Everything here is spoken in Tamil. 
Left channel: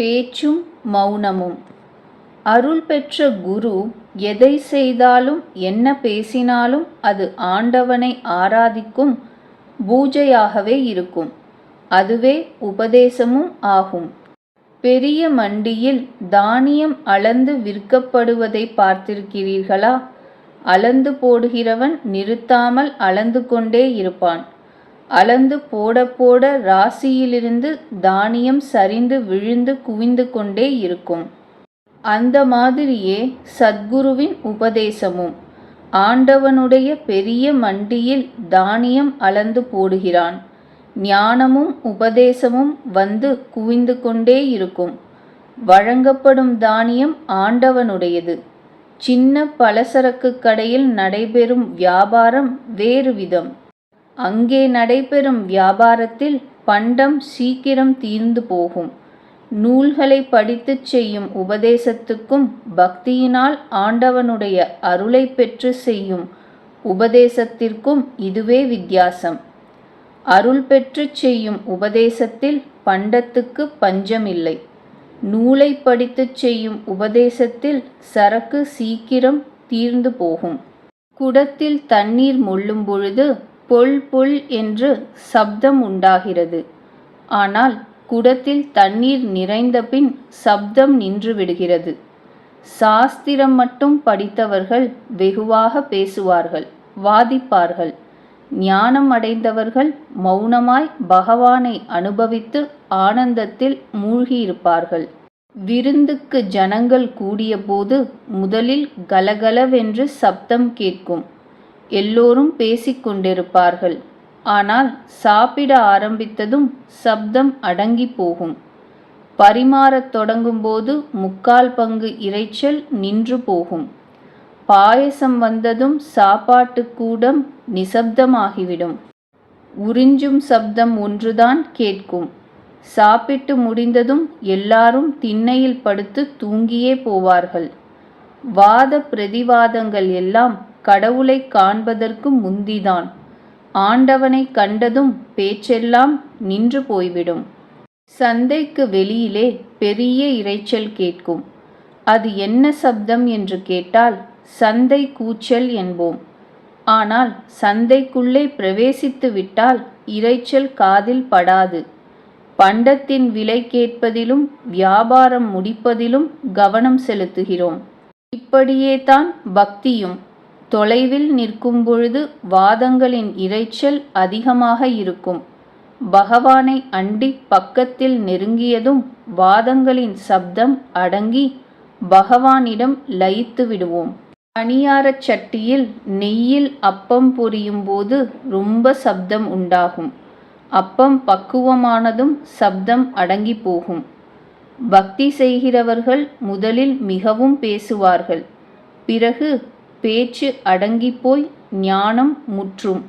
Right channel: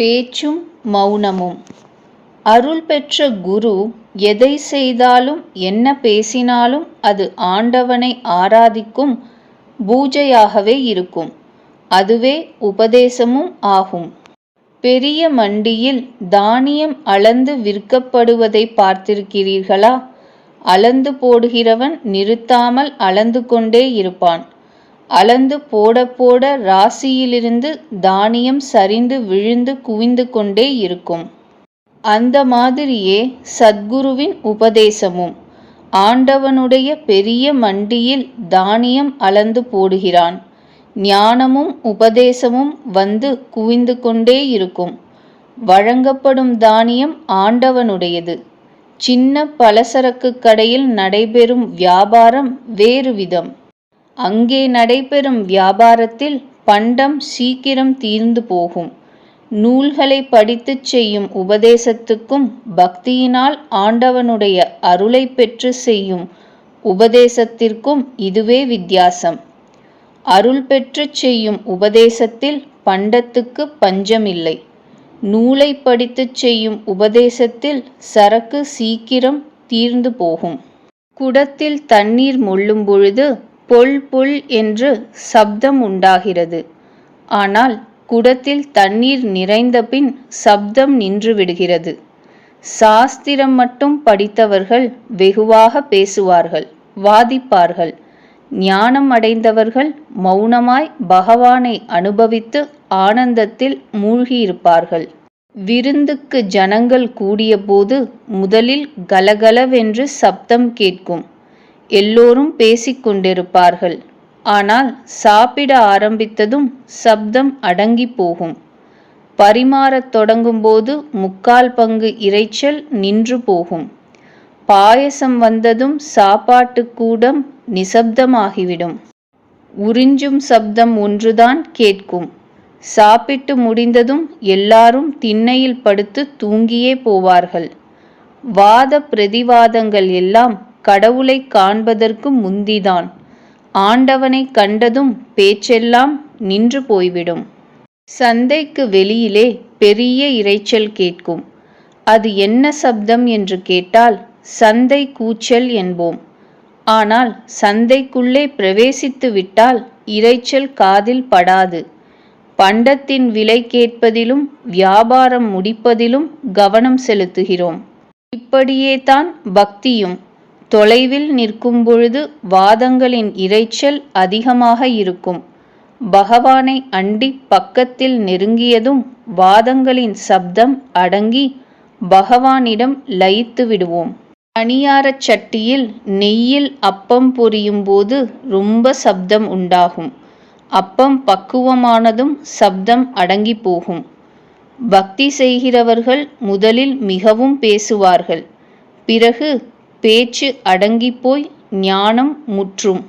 பேச்சும் மௌனமும். அருள் பெற்ற குரு எதை செய்தாலும் என்ன பேசினாலும் அது ஆண்டவனை ஆராதிக்கும் பூஜையாகவே இருக்கும். அதுவே உபதேசமும் ஆகும். பெரிய மண்டியில் தானியம் அளந்து விற்கப்படுவதை பார்த்திருக்கிறீர்களா? அளந்து போடுகிறவன் நிறுத்தாமல் அளந்து கொண்டே இருப்பான். அளந்து போட போட ராசியிலிருந்து தானியம் சரிந்து விழுந்து குவிந்து கொண்டே இருக்கும். அந்த மாதிரியே சத்குருவின் உபதேசமும். ஆண்டவனுடைய பெரிய மண்டியில் தானியம் அளந்து போடுகிறான். ஞானமும் உபதேசமும் வந்து குவிந்து கொண்டே இருக்கும். வழங்கப்படும் தானியம் ஆண்டவனுடையது. சின்ன பலசரக்கு கடையில் நடைபெறும் வியாபாரம் வேறு விதம். அங்கே நடைபெறும் வியாபாரத்தில் பண்டம் சீக்கிரம் தீர்ந்து போகும். நூல்களை படித்துச் செய்யும் உபதேசத்துக்கும் பக்தியினால் ஆண்டவனுடைய அருளை பெற்று செய்யும் உபதேசத்திற்கும் இதுவே வித்தியாசம். அருள் பெற்று செய்யும் உபதேசத்தில் பண்டத்துக்கு பஞ்சமில்லை. நூலை படித்துச் செய்யும் உபதேசத்தில் சரக்கு சீக்கிரம் தீர்ந்து போகும். குடத்தில் தண்ணீர் முள்ளும் பொழுது பொல் பொல் என்று சப்தம் உண்டாகிறது. ஆனால் குடத்தில் தண்ணீர் நிறைந்தபின் சப்தம் நின்றுவிடுகிறது சாஸ்திரம் மட்டும் படித்தவர்கள் வெகுவாக பேசுவார்கள் வாதிப்பார்கள். ஞானம் அடைந்தவர்கள் மௌனமாய் பகவானை அனுபவித்து ஆனந்தத்தில் மூழ்கியிருப்பார்கள். விருந்துக்கு ஜனங்கள் கூடியபோது முதலில் கலகலவென்று சப்தம் கேட்கும். எல்லோரும் பேசிக்கொண்டிருப்பார்கள். ஆனால் சாப்பிட ஆரம்பித்ததும் சப்தம் அடங்கி போகும். பரிமாறத் தொடங்கும்போது முக்கால் பங்கு இரைச்சல் நின்று போகும். பாயசம் வந்ததும் சாப்பாட்டு கூடம் நிசப்தமாகிவிடும். உறிஞ்சும் சப்தம் ஒன்றுதான் கேட்கும். சாப்பிட்டு முடிந்ததும் எல்லாரும் திண்ணையில் படுத்து தூங்கியே போவார்கள். வாத பிரதிவாதங்கள் எல்லாம் கடவுளை காண்பதற்கு முந்திதான். ஆண்டவனை கண்டதும் பேச்செல்லாம் நின்று போய்விடும். சந்தைக்கு வெளியிலே பெரிய இரைச்சல் கேட்கும். அது என்ன சப்தம் என்று கேட்டால் சந்தை கூச்சல் என்போம். ஆனால் சந்தைக்குள்ளே பிரவேசித்து விட்டால் இரைச்சல் காதில் படாது. பண்டத்தின் விலை கேட்பதிலும் வியாபாரம் முடிப்பதிலும் கவனம் செலுத்துகிறோம். இப்படியே தான் பக்தியும் தொலைவில் நிற்கும் பொழுது வாதங்களின் இரைச்சல் அதிகமாக இருக்கும். பகவானை அண்டி பக்கத்தில் நெருங்கியதும் வாதங்களின் சப்தம் அடங்கி பகவானிடம் லயித்து விடுவோம். பணியாரச் சட்டியில் நெய்யில் அப்பம் பொரியும் போது ரொம்ப சப்தம் உண்டாகும். அப்பம் பக்குவமானதும் சப்தம் அடங்கி போகும். பக்தி செய்கிறவர்கள் முதலில் மிகவும் பேசுவார்கள். பிறகு பேச்சு அடங்கிப்போய் ஞானம் முற்றும்.